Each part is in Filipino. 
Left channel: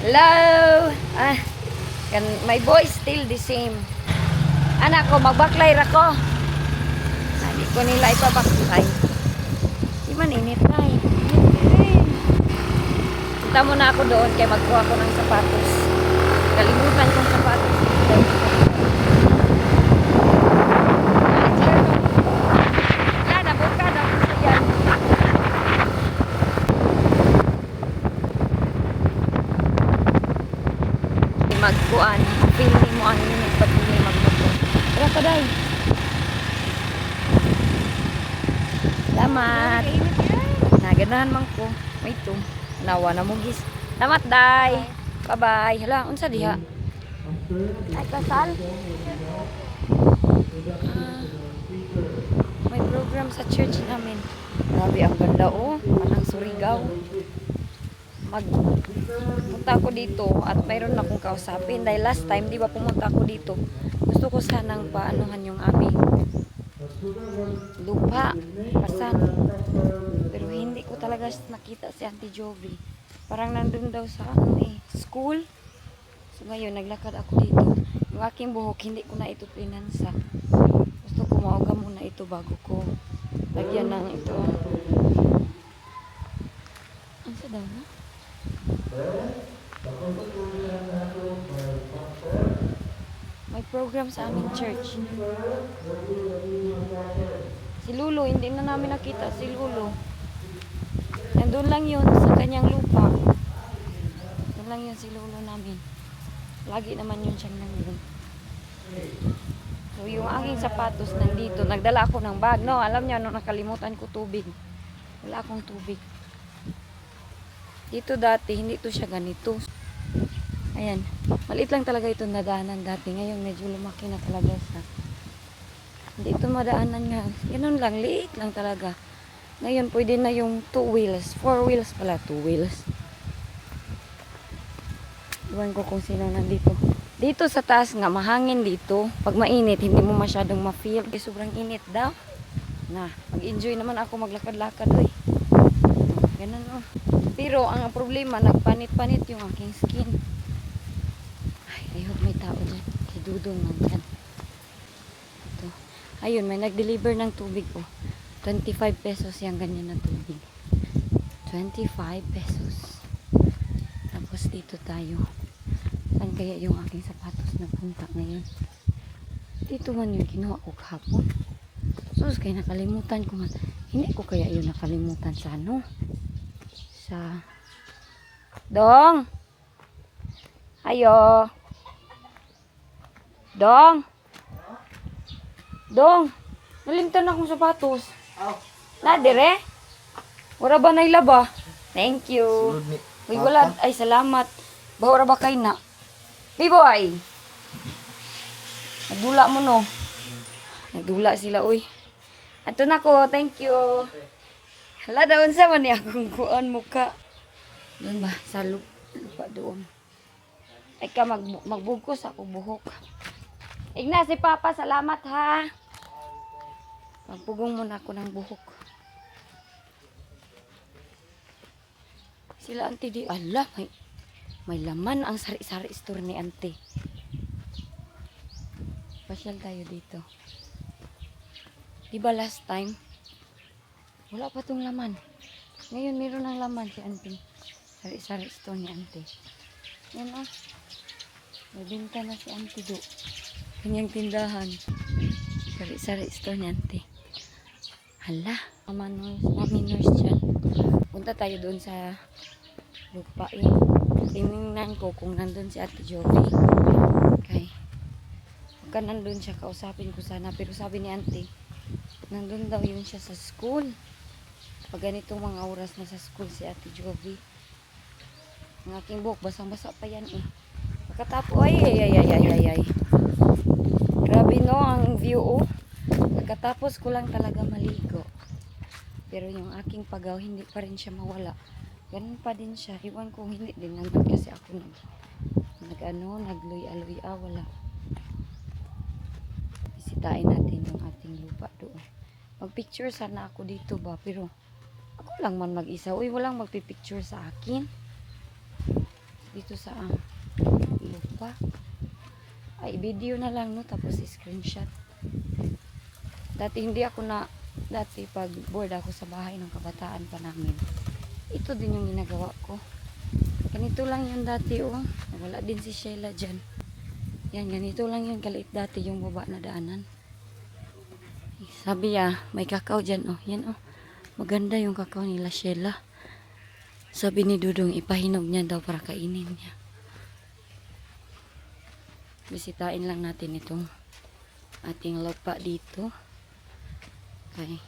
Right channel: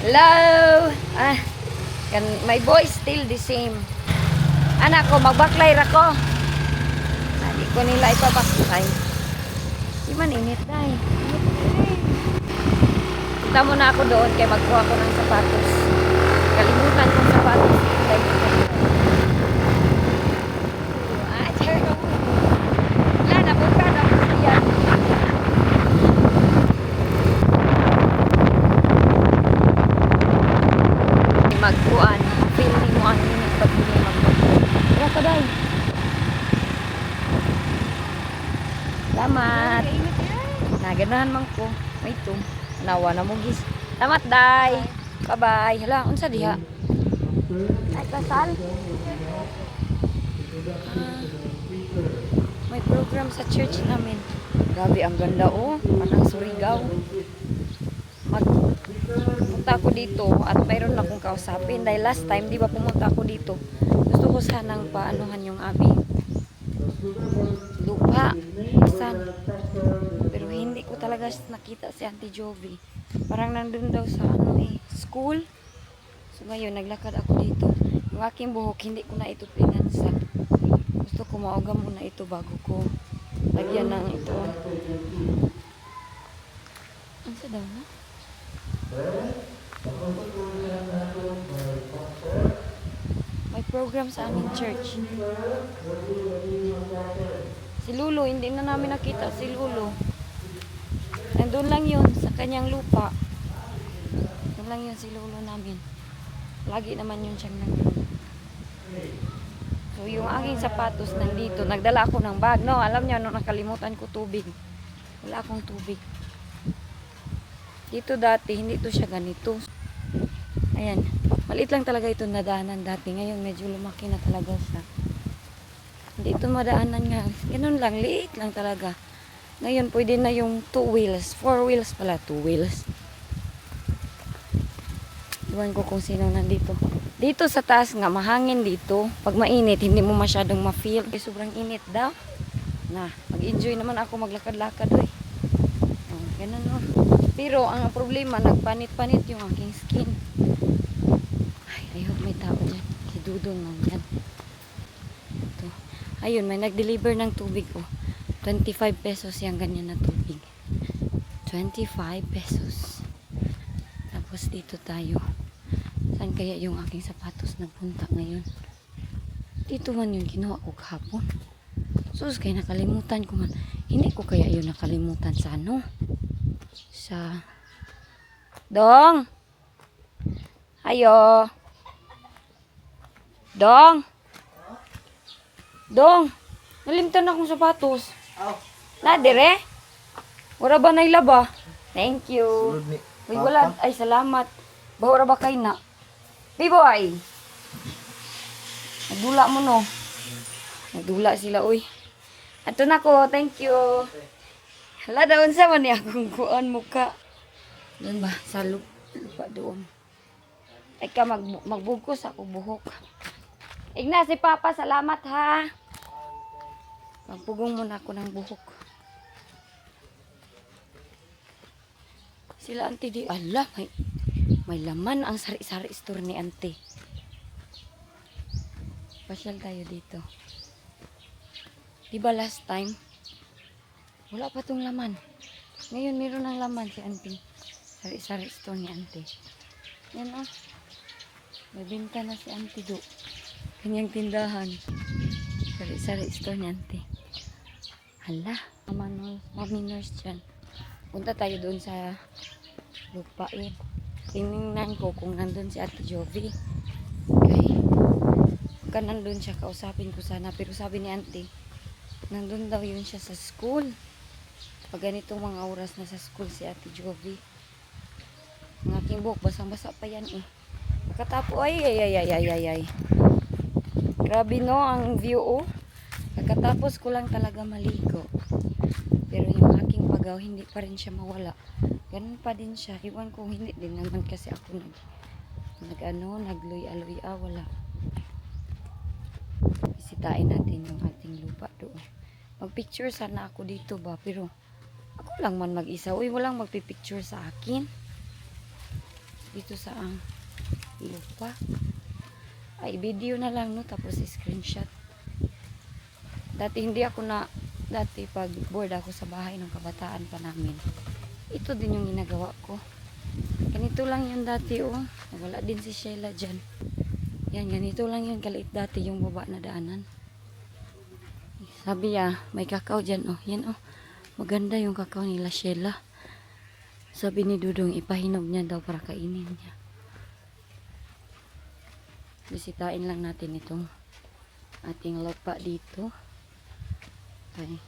Hello! My voice still the same. Anak ko, magbaklay ra ko. Hindi ko nila ipabaklay. Di man init na eh. Punta muna ako doon kaya magkuha ko ng sapatos. Kalimutan kong sapatos. Wala, nabuka na ko sa yan. Magkuan, feel ni mo ang init pag hindi magbukuan. Tara pa day. Salamat. Naganahan man ko. May ito. Nawa na mo gis. Salamat day. Bye-bye. Hala, unsa diha? Ay, kasal. May program sa church namin. Grabe, ang ganda oh. Parang Surigao. Punta ako dito at mayroon akong kausapin dahil last time di ba pumunta ako dito, gusto ko sanang paanuhan yung aming lupa asan, pero hindi ko talaga nakita si Auntie Jovi. Parang nandun daw sa school. So ngayon naglakad ako dito. Yung aking buhok hindi ko na ito pinansa. Gusto ko mauga muna ito bago ko lagyan ng ito. Ano sa daw na? May program sa aming church. Si Lulu, hindi na namin nakita si Lulu. Nandun lang yun sa kanyang lupa. Nandun lang yun si Lulu namin. Lagi naman yun siyang nandun. So yung aking sapatos nandito. Nagdala ako ng bag. No, alam niya, no, nakalimutan ko tubig. Wala akong tubig. Dito dati, hindi to siya ganito. Ayan. Maliit lang talaga ito nadaanan dati. Ngayon, medyo lumaki na talaga siya. Hindi ito madaanan nga. Ganun lang. Liit lang talaga. Ngayon, pwede na yung 2 wheels. 4 wheels pala. 2 wheels. Iwan ko kung sino nandito. Dito sa taas nga, mahangin dito. Pag mainit, hindi mo masyadong ma-feel. Kasi sobrang init daw. Na, mag-enjoy naman ako maglakad-lakad. Ganun o. Pero ang problema, nagpanit-panit yung aking skin. Ay, I hope may tao dyan. Si Dudong nandyan. Ito. Ayun, may nag-deliver ng tubig o. 25 pesos yung ganyan na tubig. 25 pesos. Tapos dito tayo. Saan kaya yung aking sapatos na punta ngayon? Dito man yung ginawa ko kahapon. Sus, kaya nakalimutan ko nga. Hindi ko kaya yun nakalimutan sa ano? Sa Dong. Ayo. Dong. Dong. Nalimtan akong sapatos. Na dire? Wala ba na ilaba? Thank you. Uy, wala. Ay, salamat. Bahura ba kayo na? Biboy. Nagdula mo no. Nagdula sila, uy. Ato na ko. Thank you. Hala, daon sa man akong kuan muka. Doon ba? Sa lupa doon. Ay ka, magbugkos ako buhok. Igna, si Papa, salamat ha. Magpugong muna ako ng buhok. Sila Auntie di, ala, may laman ang sari-sari store ni Auntie. Pasyal tayo dito. Diba last time? Wala pa tong laman. Ngayon meron ng laman si Auntie. Sari-sari store ni Auntie. Yan o. May binta na si Auntie do. Kanyang tindahan. Sari-sari store ni Auntie. Hala. Mami nurse dyan. Punta tayo doon sa lupa eh. Tinignan ko kung nandun si Ate Jovi. Okay. Pagka nandun siya, kausapin ko sana. Pero sabi ni Auntie, nandun daw yun siya sa school. Pag ganitong mga oras na sa school si Ate Jovi. Ang aking buhok, basang-basa pa yan eh. Pagkatapos, ay. Grabe no, ang view oh. Pagkatapos ko lang talaga maligo. Pero yung aking pagaw, hindi pa rin siya mawala. Ganun pa din siya. Iwan ko, hindi din naman kasi ako nagluy-aluy. Wala. Bisitahin natin yung ating lupa doon. Mag-picture sana ako dito ba, pero ako lang man mag-isa. Uy, walang magpipicture sa akin. dito sa lupa. Ay, video na lang, no? Tapos screenshot. Dati pag bored ako sa bahay ng kabataan pa namin, ito din yung ginagawa ko. Ganito lang yun dati, oh. Wala din si Sheila dyan. Yan, ganito lang yun kaliit dati yung baba na daanan. Sabi may kakao dyan, oh. Yan, oh. Maganda yung kakao nila Sheila. Sabi ni Dudong, ipahinog niya daw para kainin niya. Bisitahin lang natin itong ating lupa dito. Okay.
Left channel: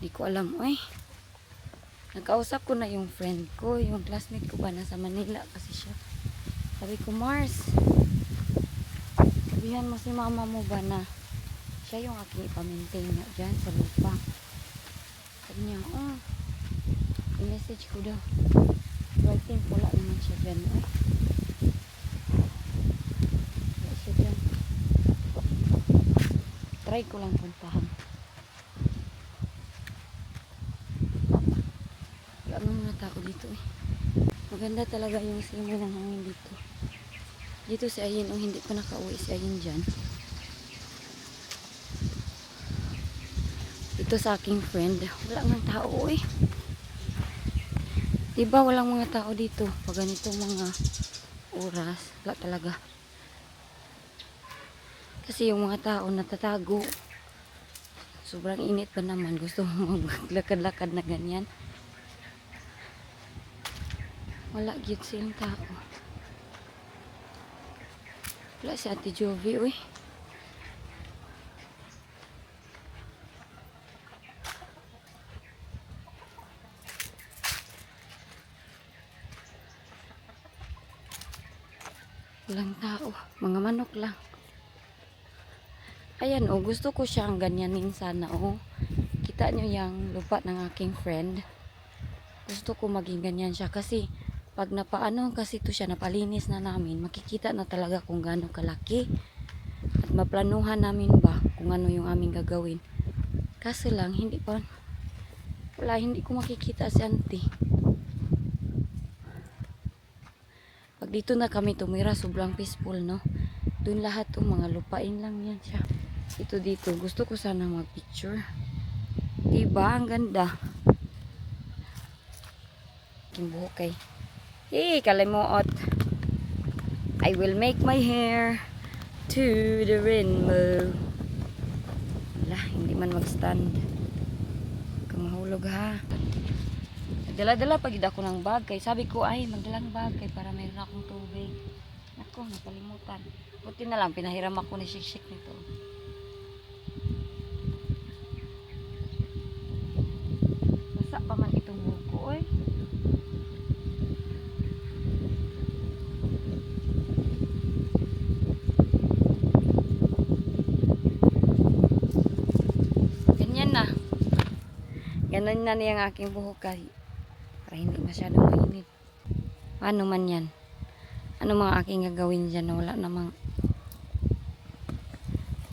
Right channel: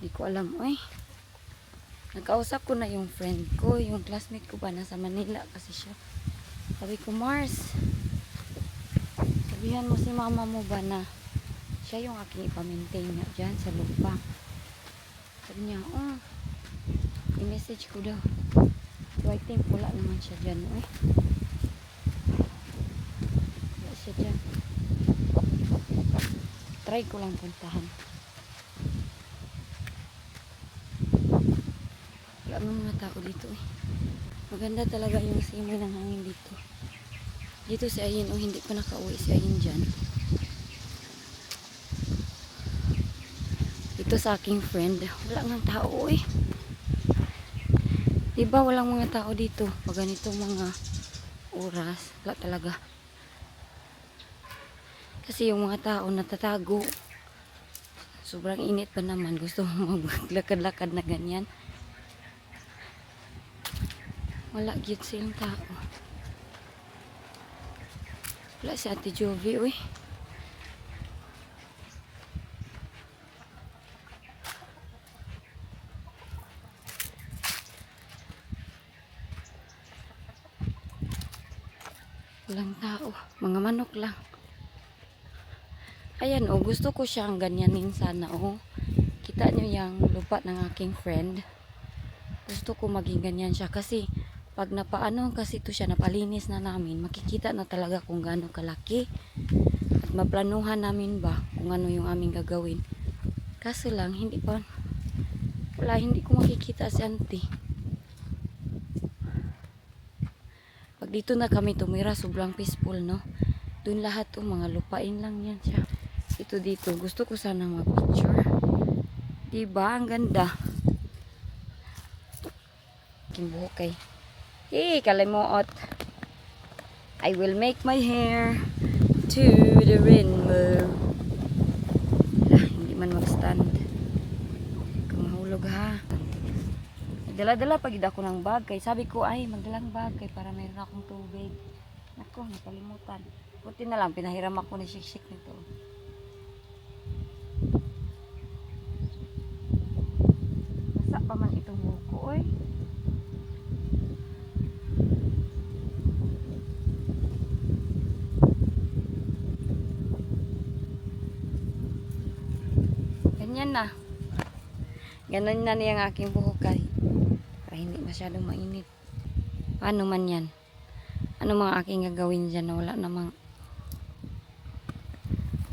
Hindi ko alam, oy. Nakausap ko na yung friend ko, yung classmate ko ba nasa Manila kasi siya. Sabi ko, Mars, sabihan mo si mama mo ba na siya yung aking ipamintain niya dyan sa lupa. Sabi niya, oh, i-message ko daw. So I think wala naman siya dyan, oy. Wala siya dyan. Try ko lang puntahan. Wala naman mga tao dito, eh. Maganda talaga yung simoy ng hangin dito. Dito si Ayin, oh, hindi pa nakauwi si Ayin dyan. Ito sa aking friend, wala nang tao, eh. Diba walang mga tao dito pag ganitong mga oras? Wala talaga. Kasi yung mga tao natatago. Sobrang init pa naman. Gusto mo maglakad-lakad na ganyan. Wala gyud silang tao. Wala si Ate Jovi, uy. Walang tao. Mga manok lang. Ayan, oh. Gusto ko siyang ganyanin sana, oh. Kita nyo yung lupa ng aking friend. Gusto ko maging ganyan siya. Kasi, pag napaano kasi ito siya, napalinis na namin, makikita na talaga kung gaano kalaki. At maplanuhan namin ba kung ano yung aming gagawin. Kaso lang, hindi ko makikita si auntie. Pag dito na kami tumira, sobrang peaceful, no? Doon lahat mga lupain lang yan siya. Ito dito, gusto ko sanang mag-picture. Diba? Ang ganda. Kimbuhok kay. Hey, kalimuot. I will make my hair to the rainbow. Hindi man mag-stand. Kamahulog ha. Dala-dala pag ako ng bag kay sabi ko ay magdalang bag kay para mayroon akong tubig. Nako, nakalimutan. Buti na lang pinahiram ako ni Shik nito. Basa pa man itong buko, oy. Ganyan na. Ganun na niyang aking buhok kay. Para hindi masyadong mainit. Paano man yan? Ano mga aking gagawin dyan na wala namang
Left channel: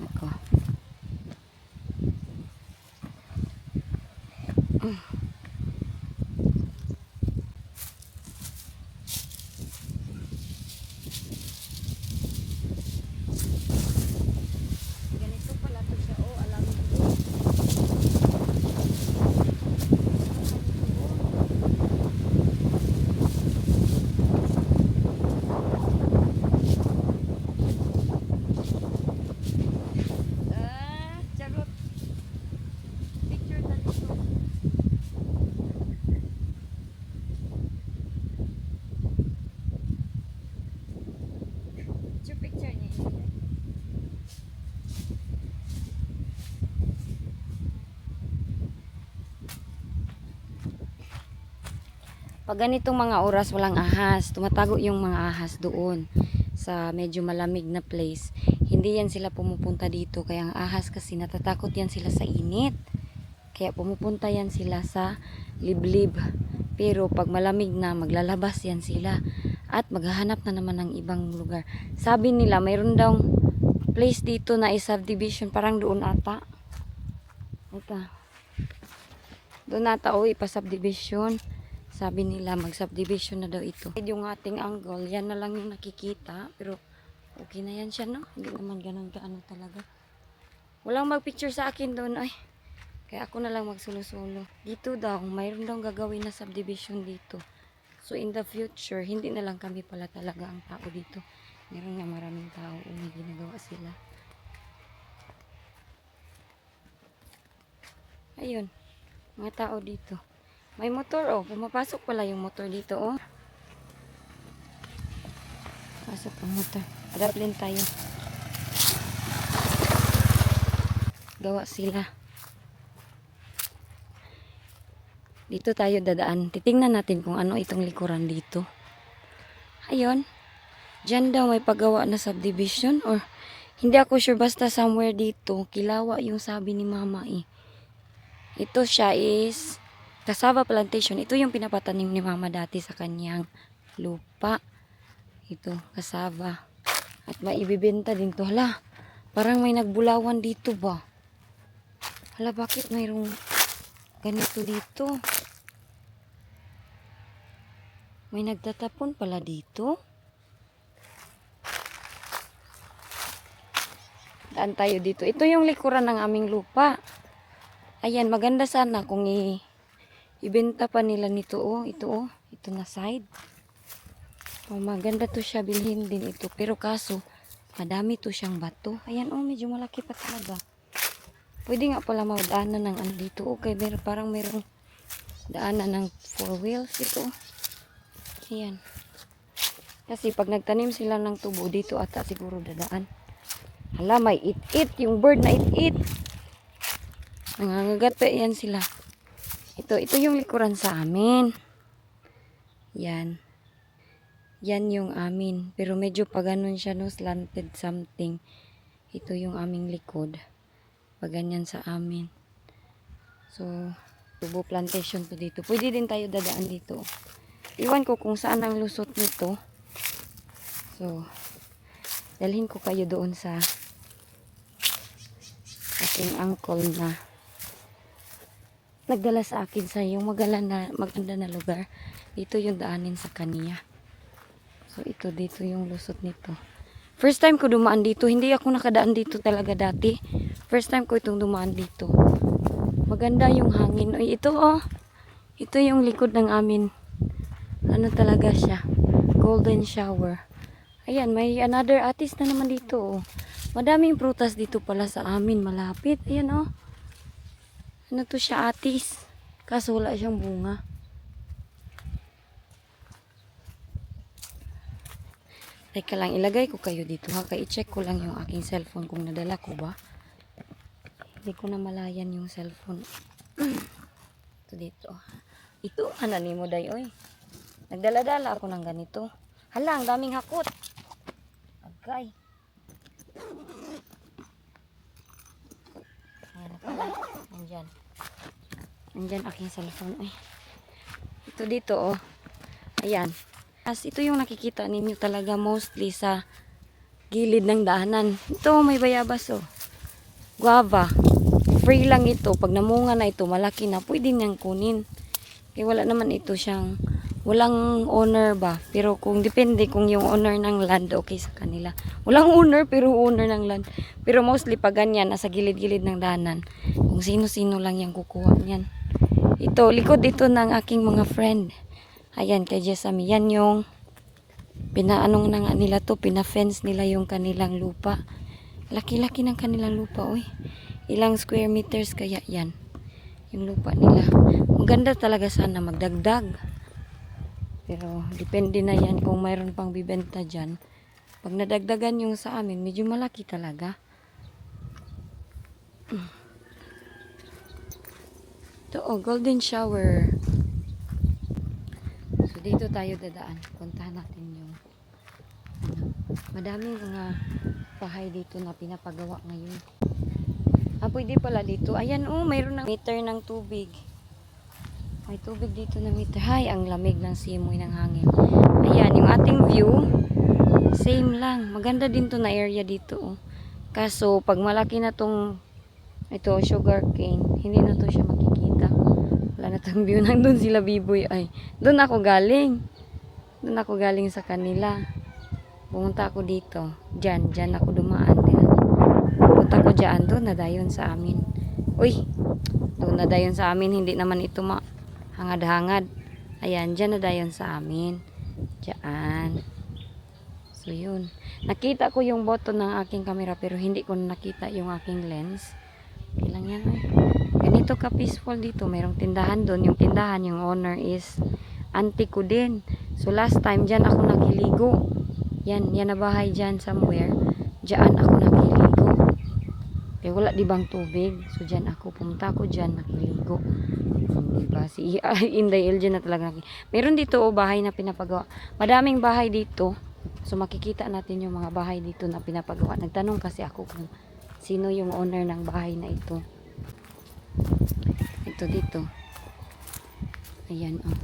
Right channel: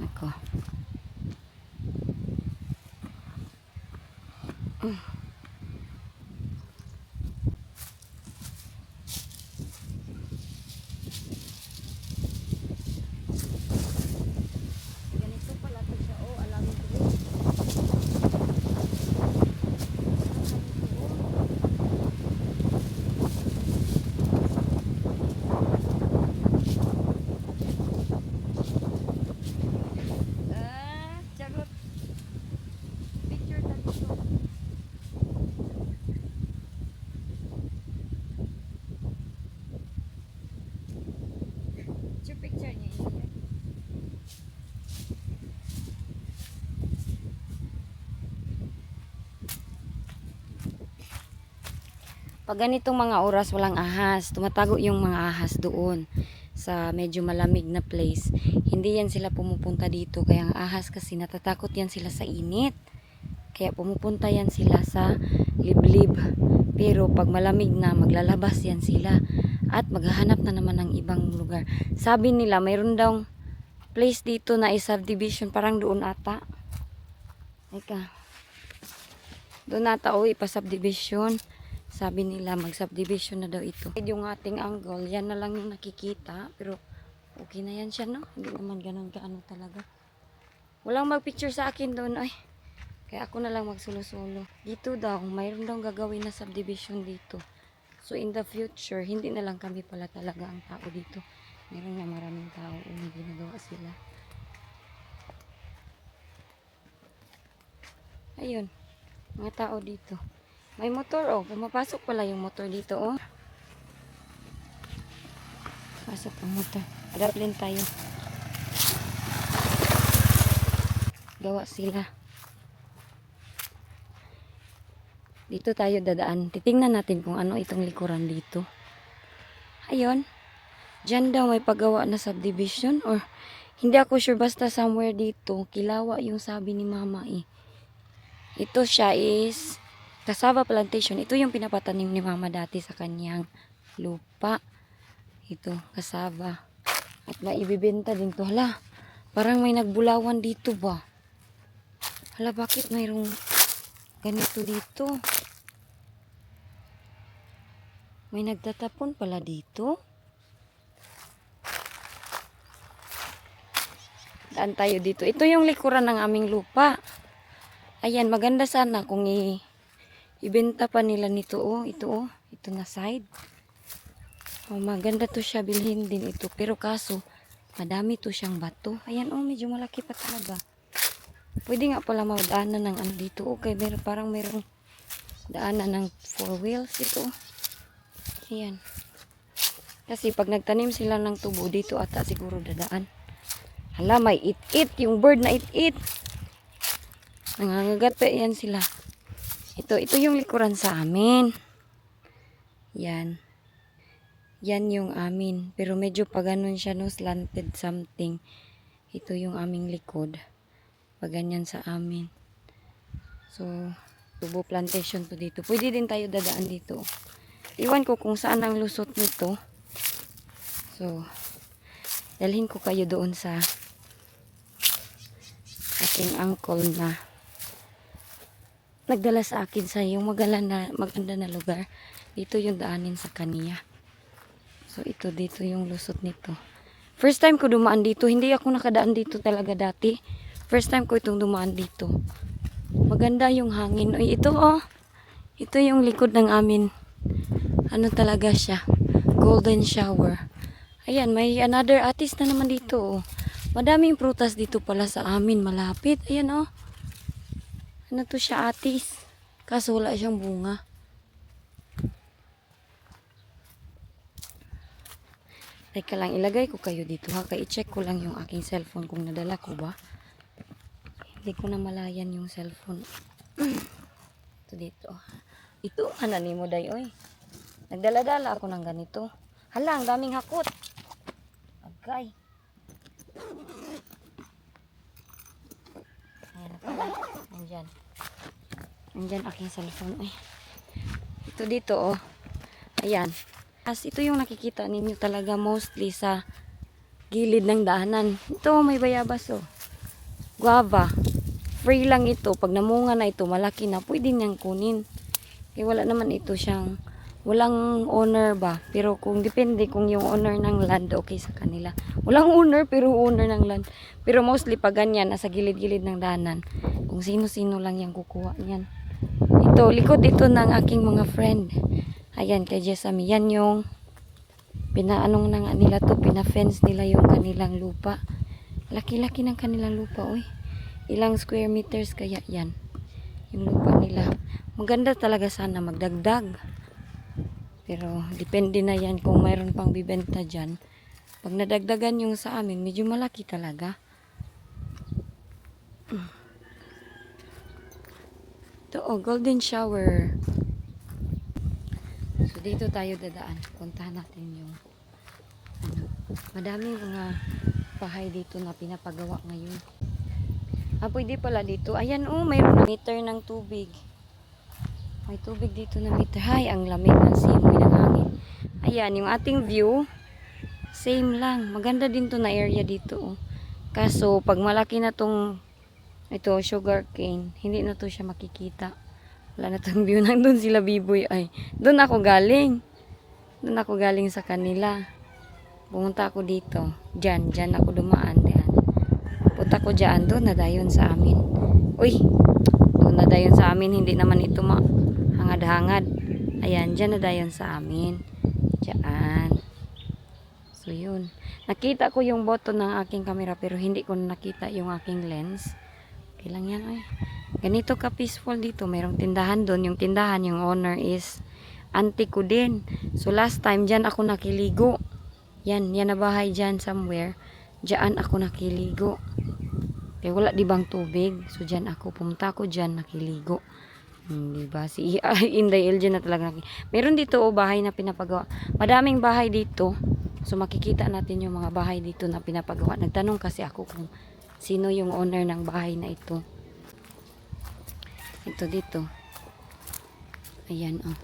ako. Ganito pala to siya. Oh, alam mo ko. Charot. Picture ta dito. Picture niya yun. Pag ganitong mga oras walang ahas, tumatago yung mga ahas doon sa medyo malamig na place. Hindi yan sila pumupunta dito. Kaya ang ahas kasi natatakot yan sila sa init. Kaya pumupunta yan sila sa liblib. Pero pag malamig na, maglalabas yan sila. At maghahanap na naman ng ibang lugar. Sabi nila, mayroon daw place dito na is subdivision. Parang doon ata. Eka. Doon nata ipa-subdivision. Sabi nila mag-subdivision na daw ito. Yung ating angle, yan na lang yung nakikita. Pero okay na yan siya, no? Hindi naman ganun kaano talaga. Walang mag-picture sa akin doon. Ay, kaya ako na lang magsulo-solo. Dito daw, mayroon daw gagawin na subdivision dito. So in the future, hindi na lang kami pala talaga ang tao dito. Meron nga maraming tao. May ginagawa sila. Ayun. Mga tao dito. May motor, oh. Pumapasok pala yung motor dito, oh. Pasok ang motor. Adaplin tayo. Gawa sila. Dito tayo dadaan. Titingnan natin kung ano itong likuran dito. Ayun. Diyan daw may paggawa na subdivision or hindi ako sure, basta somewhere dito. Kilawa yung sabi ni mama eh. Ito siya is cassava plantation. Ito yung pinapatanim ni mama dati sa kanyang lupa. Ito, cassava. At maibibenta din to. Hala, parang may nagbulawan dito ba? Hala, bakit mayroong ganito dito? May nagtatapon pala dito. Daan tayo dito. Ito yung likuran ng aming lupa. Ayan, maganda sana kung ibenta pa nila nito, oh. Ito, oh. Ito na side. Oh, maganda to siya, bilhin din ito. Pero kaso, madami to siyang bato. Ayan, oh, medyo malaki pa talaga. Pwede nga pala magdaanan ng ano dito. Okay, parang mayroong daanan ng 4 wheels ito. Ayan. Kasi pag nagtanim sila ng tubo dito ata siguro dadaan. Hala, may it-it. Yung bird na it-it. Nangangagat pa yan sila. Ito yung likuran sa amin. Yan. Yan yung amin. Pero medyo pa ganun siya, no? Slanted something. Ito yung aming likod. Pag ganyan sa amin. So, tubo plantation to dito. Pwede din tayo dadaan dito. Iwan ko kung saan ang lusot nito. So, dalhin ko kayo doon sa aking uncle na nagdala sa akin sa yung maganda na lugar. Dito yung daanin sa kaniya. So, ito dito yung lusot nito. First time ko dumaan dito. Hindi ako nakadaan dito talaga dati. First time ko itong dumaan dito. Maganda yung hangin. Ay, ito oh. Ito yung likod ng amin. Ano talaga siya? Golden shower. Ayan, may another artist na naman dito. Oh. Madaming prutas dito pala sa amin. Malapit. Ayan oh. Ano to siya, artist? Kaso wala siyang bunga. Teka lang, ilagay ko kayo dito ha. I-check ko lang yung aking cellphone kung nadala ko ba. Hindi ko na malayan yung cellphone. Ito dito. Ito, anani mo day, oy. Nagdala-dala ako ng ganito. Hala, ang daming hakot. Agay. Ayan na pala. Nandyan. Nandyan aking cellphone. Ay. Ito dito, oh. Ayan. As ito yung nakikita ninyo talaga mostly sa gilid ng daanan. Ito, may bayabas, oh. Guava. Free lang ito. Pag namunga na ito, malaki na. Pwede niyang kunin. Kaya wala naman ito siyang, walang owner ba. Pero kung depende kung yung owner ng land, okay sa kanila. Walang owner, pero owner ng land. Pero mostly pag ganyan, nasa gilid-gilid ng daanan, kung sino-sino lang yung kukuha niyan. Ito, likod ito ng aking mga friend. Ayan, kay Jessamy. Yan yung pinaanong na nga nila to, pinafence nila yung kanilang lupa. Laki-laki ng kanilang lupa, oy. Ilang square meters kaya yan. Yung lupa nila. Maganda talaga sana magdagdag. Pero depende na yan kung mayroon pang bibenta dyan. Pag nadagdagan yung sa amin, medyo malaki talaga. Ito, oh, golden shower. So dito tayo dadaan. Puntahan natin yung madaming mga bahay dito na pinapagawa ngayon. Pwede pala dito. Ayan, oh, mayroon na meter ng tubig. May tubig dito na meter. Hay, ang lamig ng simoy ng hangin. Ayan, yung ating view, same lang. Maganda din to na area dito, oh. Kaso, pag malaki na tong ito, sugar cane, hindi na to siya makikita. Wala na tong view. Nandun sila Biboy. Ay, doon ako galing. Doon ako galing sa kanila. Pumunta ako dito. Diyan ako dumaan. Yan. Punta ko dyan. Doon na dayon sa amin. Uy, doon na dayon sa amin. Hindi naman ito hangad-hangad. Ayan, dyan na dayon sa amin. Diyan. So, yun. Nakita ko yung button ng aking camera pero hindi ko nakita yung aking lens. Okay lang yan, ay. Ganito ka peaceful dito. Mayroong tindahan doon. Yung tindahan, yung owner is auntie ko din. So, last time, dyan ako nakiligo. Yan na bahay dyan somewhere. Dyan ako nakiligo. Kaya wala di bang tubig. So, dyan ako. Pumunta ako dyan nakiligo. Diba? Si Inday El dyan na talaga meron dito bahay na pinapagawa. Madaming bahay dito. So makikita natin yung mga bahay dito na pinapagawa. Nagtanong kasi ako kung sino yung owner ng bahay na ito. Ito dito. Ayan oh.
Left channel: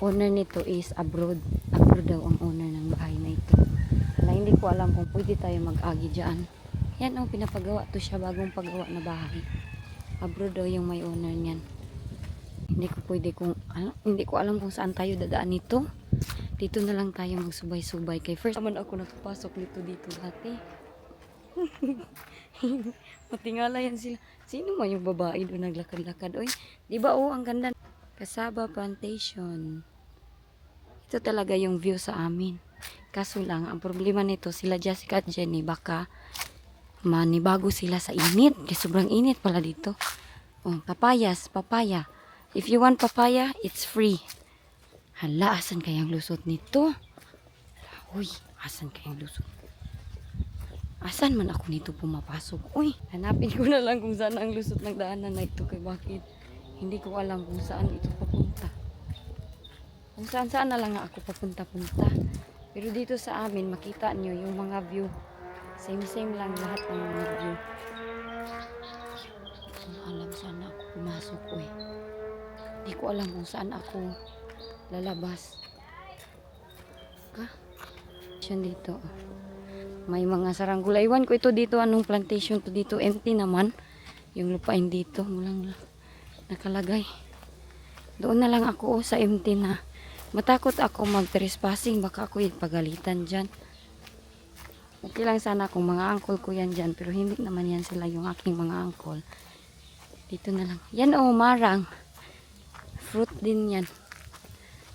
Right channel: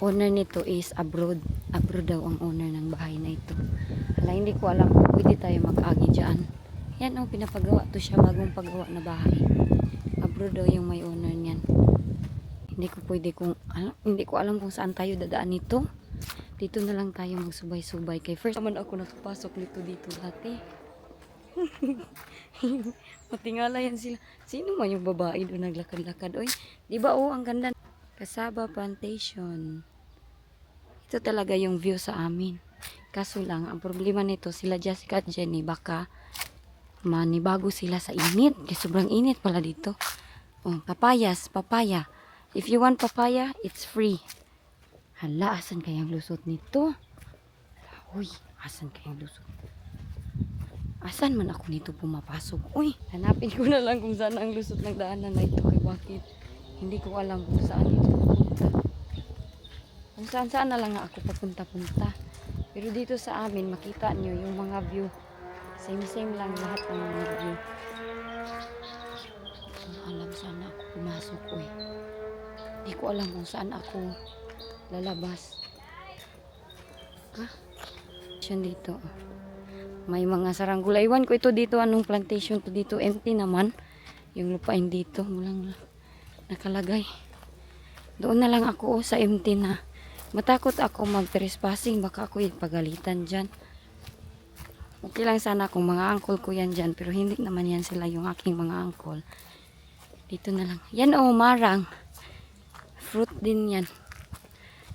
Owner nito is abroad. Abroad daw ang owner ng bahay na ito. Wala, hindi ko alam kung pwede tayo mag-agi dyan. Yan oh, pinapagawa to siya, bagong pagawa na bahay. Abroad daw yung may owner niyan. Hindi ko alam kung saan tayo dadaan nito. Dito na lang tayo magsubay-subay. Kay first naman ako nakapasok dito dati. Matingala yan sila. Sino man yung babae doon naglakad-lakad? Oy, di ba ang ganda. Casaba Plantation. Ito talaga yung view sa amin. Kaso lang, ang problema nito, sila Jessica at Jenny, baka manibago sila sa init. Kasi sobrang init pala dito. Oh, papaya. If you want papaya, it's free. Hala, asan kayang lusot nito? Uy, asan kayang lusot? Asan man ako nito pumapasok? Uy, hanapin ko na lang kung saan ang lusot ng daanan na ito. Kay bakit? Hindi ko alam kung saan ito papunta. Kung saan na lang ako papunta-punta. Pero dito sa amin, makita nyo yung mga view. Same lang lahat ng mga view. Hindi ko alam saan ako pumasok. Uy, hindi ko alam kung saan ako lalabas. Dito. May mga saranggula. Iwan ko ito dito. Anong plantation to dito? Empty naman. Yung lupain dito. Walang nakalagay. Doon na lang ako sa empty na. Matakot ako mag-trespassing. Baka ako ipagalitan dyan. Okay lang sana kung mga uncle ko yan dyan. Pero hindi naman yan sila yung aking mga uncle. Dito na lang. Yan marang. Fruit din yan.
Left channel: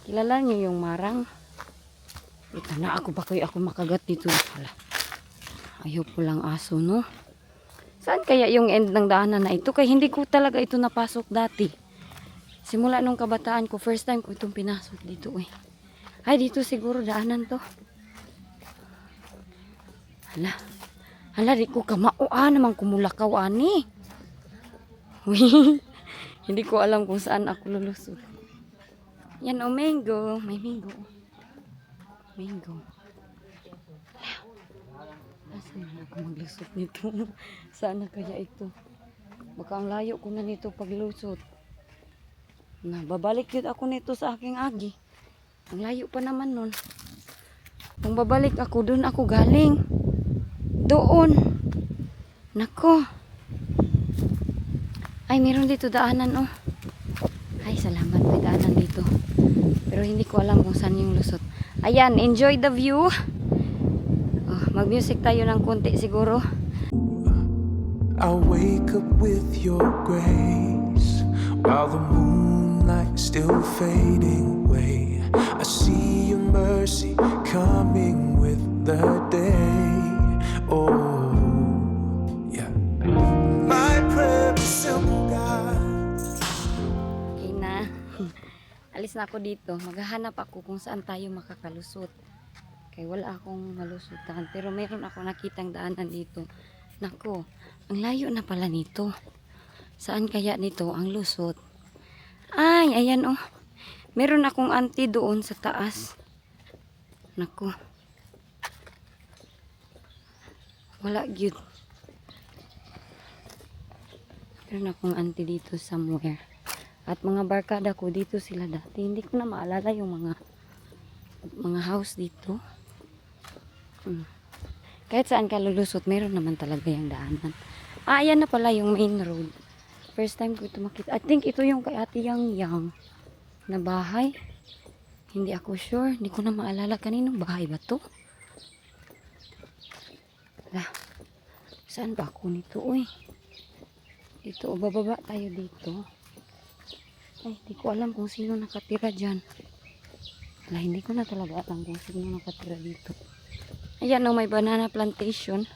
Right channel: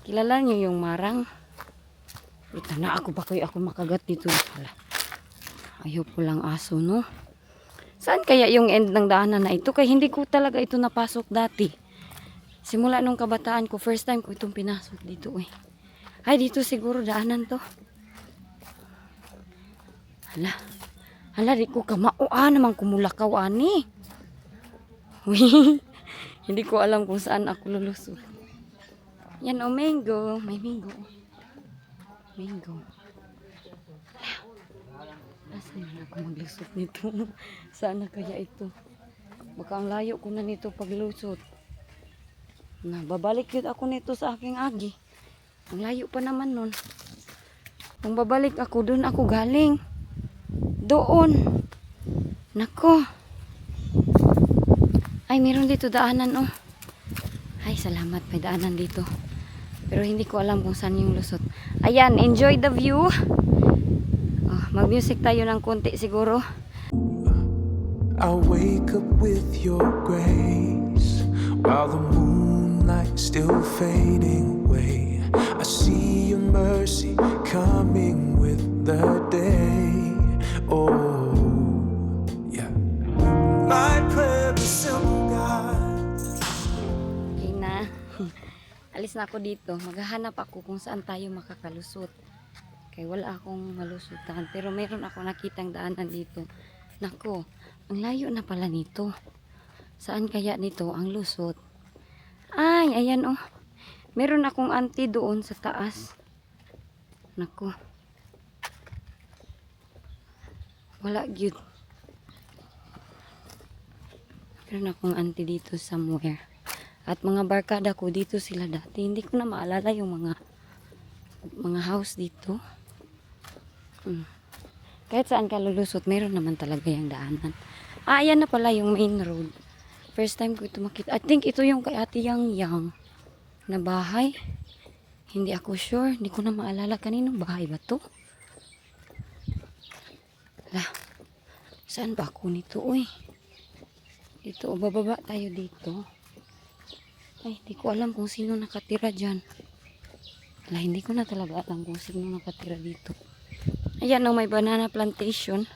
Kilala niyo yung marang? Fruit na ako pa kayo ako makagat dito. Hala. Ayaw po lang aso, no? Saan kaya yung end ng daanan na ito? Kaya hindi ko talaga ito napasok dati. Simula nung kabataan ko, first time ko itong pinasok dito. Ay, dito siguro daanan to. Hala, di ko kamao. Naman kumulakaw, ani. Hindi ko alam kung saan ako lulusot. Yan, mango. May mango. Mango. Saan na ako maglusot nito? Saan na kaya ito? Baka ang layo ko na nito paglusot. Babalik yun ako nito sa aking agi. Ang layo pa naman nun. Kung babalik ako, doon ako galing. Doon. Nako. Ay, meron dito daanan, Ay, salamat, may daanan dito. Pero hindi ko alam kung saan yung lusot. Ayan, enjoy the view. Mag-music tayo ng konti siguro. I'll wake up with your grace while the moonlight's still fading away. I see your mercy coming with the day. Oh, yeah. My prayer is simple, God. Okay na. Alis na ako dito. Maghahanap ako kung saan tayo makakalusot. Kaya wala akong malusutan. Pero meron ako nakitang daanan dito. Naku, ang layo na pala nito. Saan kaya nito ang lusot? Ay, ayan Meron akong auntie doon sa taas. Naku. Wala gyud. Meron akong auntie dito somewhere. At mga barkada ko dito sila dati. Hindi ko na maalala yung mga house dito. Kahit saan ka lulusot, meron naman talaga yung daanan. Ayan na pala yung main road. First time ko ito makita. I think ito yung kay Ate Yang na bahay. Hindi ako sure. Hindi ko na maalala kaninong bahay ba to. Lah, saan ba ako nito? Uy. Dito, o bababa tayo dito. Ay, hindi ko alam kung sino nakatira dyan. Wala, hindi ko na talaga alam kung sino nakatira dito. Ayan o, may banana plantation.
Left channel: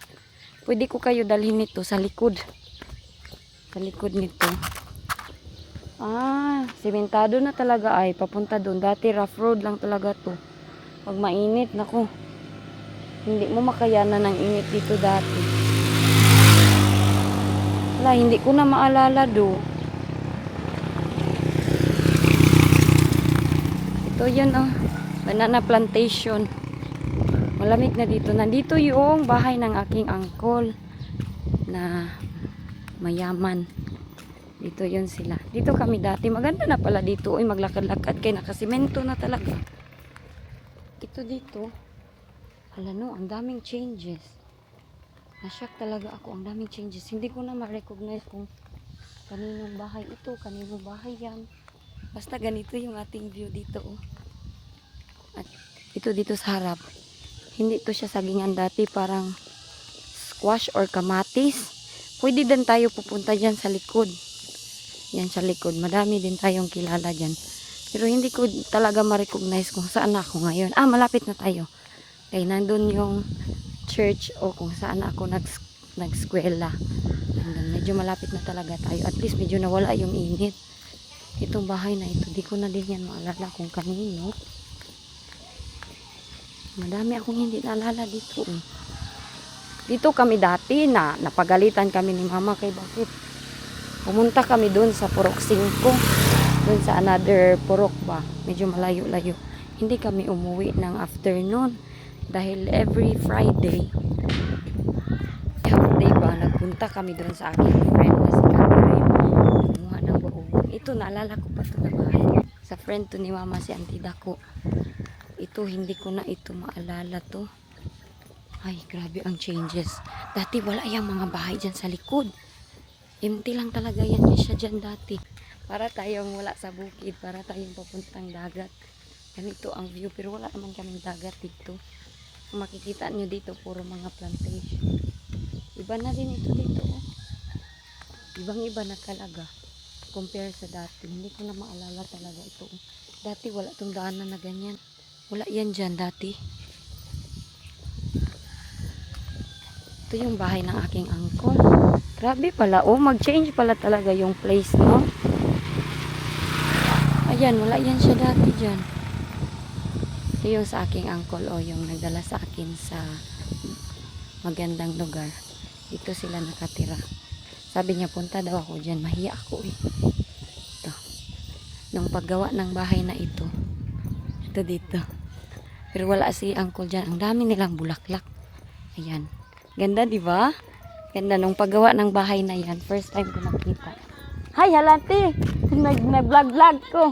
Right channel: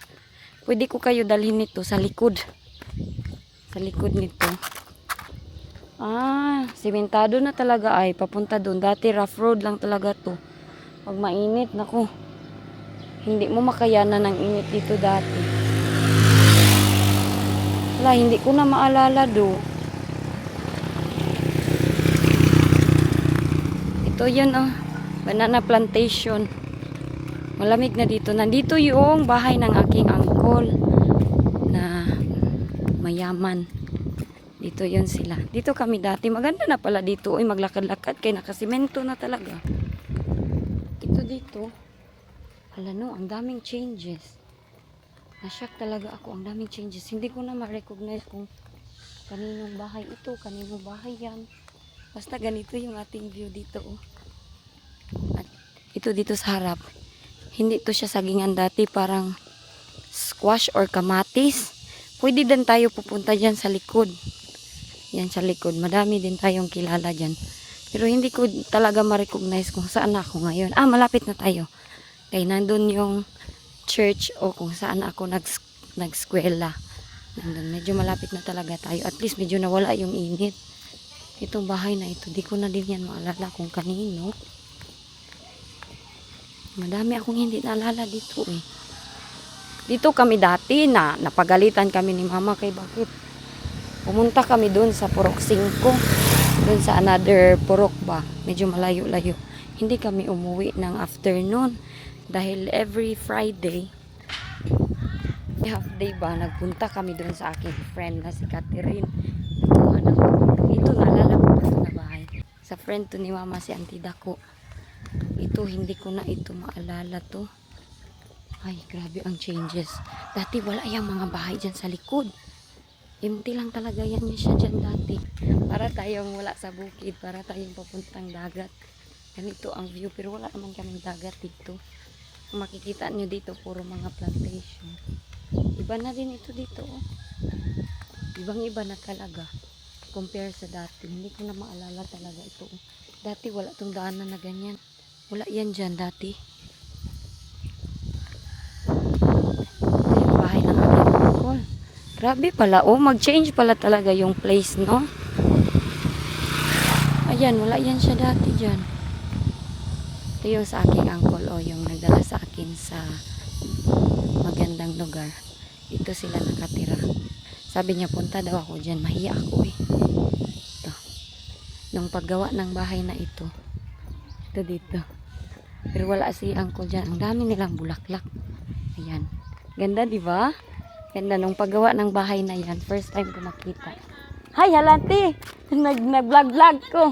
Pwede ko kayo dalhin nito sa likod. Sa likod nito. Ah, simentado na talaga ay. Papunta doon. Dati rough road lang talaga to. Pag mainit, nako. Hindi mo makayanan ng init dito dati. Wala, hindi ko na maalala do. Ito yun oh. Banana plantation. Malamig na dito. Nandito yung bahay ng aking uncle na mayaman. Dito yun sila. Dito kami dati. Maganda na pala dito. Uy, maglakad-lakad kay nakasimento na talaga. Ito dito. Hala no, ang daming changes. Na-shock talaga ako. Ang daming changes. Hindi ko na ma-recognize kung kaninong bahay ito, kaninong bahay yan. Basta ganito yung ating view dito. Oh. At ito dito sa harap. Hindi to siya sagingan dati. Parang squash or kamatis. Pwede din tayo pupunta dyan sa likod. Yan sa likod. Madami din tayong kilala dyan. Pero hindi ko talaga ma-recognize kung saan ako ngayon. Ah, malapit na tayo. Kaya nandun yung church o kung saan ako nag-skwela. Nandun, medyo malapit na talaga tayo. At least medyo nawala yung init. Itong bahay na ito, di ko na din yan maalala kung kanino. Madami akong hindi naalala dito eh. Dito kami dati na napagalitan kami ni mama kay bakit. Pumunta kami dun sa Purok 5. Dun sa another Purok ba. Medyo malayo-layo. Hindi kami umuwi ng afternoon. Dahil every Friday, half day ba, nagpunta kami doon sa aking friend na si Catherine. Nagkuha ng, ito, naalala ko pa ito na bahay. Sa friend to ni mama si Auntie Dako. Ito, hindi ko na ito maalala to. Ay, grabe ang changes. Dati wala yung mga bahay dyan sa likod. Empty lang talaga yan siya dyan dati. Para tayong wala sa bukid, para tayong papuntang dagat. Ganito ang view, pero wala naman kaming dagat dito. Makikita nyo dito puro mga plantation. Iba na din ito dito oh. Ibang iba na talaga compare sa dati. Hindi ko na maalala talaga ito oh. Dati wala tong daanan na ganyan. Wala yan dyan dati. Ito yung bahay ng aking uncle. Grabe pala oh, mag-change pala talaga yung place no. Ayan, wala yan siya dati dyan. Ito yung sa aking uncle o yung nagdala sa akin sa magandang lugar. Dito sila nakatira. Sabi niya punta daw ako dyan. Mahiya ako eh. Ito. Nung paggawa ng bahay na ito. Ito dito. Pero wala si uncle dyan. Ang dami nilang bulaklak. Ayan. Ganda diba? Ganda nung paggawa ng bahay na yan. First time ko nakita. Hi halati! Nag-vlog-vlog ko.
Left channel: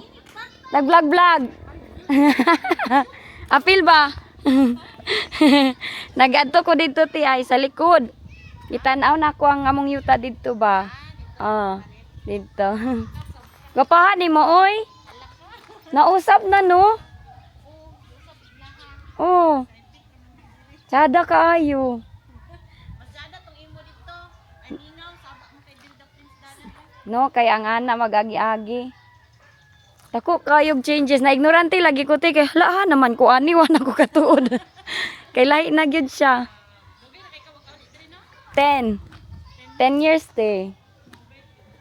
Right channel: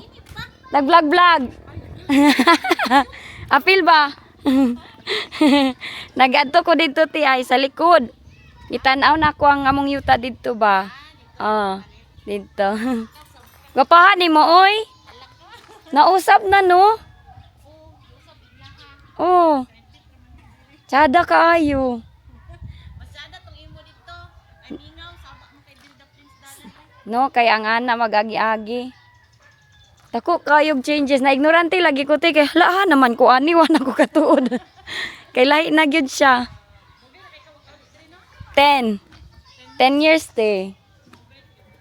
Nag-vlog-vlog! Apil ba? Nag-adto ko dito ti ay sa likod. Itanaw na ko ang among yuta dito ba? Oh, dito. Gapahan ni mo oy. Nausap na no? Oh. Sada kaayo. Masada tong imo dito. Aningaw sabak mo kay Dilda Prince Dalan. No, kaya nga na mag-agi-agi. Ako kayog changes na ignorante lagi ko te kay hala naman ko ani wa na ko katuod. Kay lahi na gyud siya. 10 years te.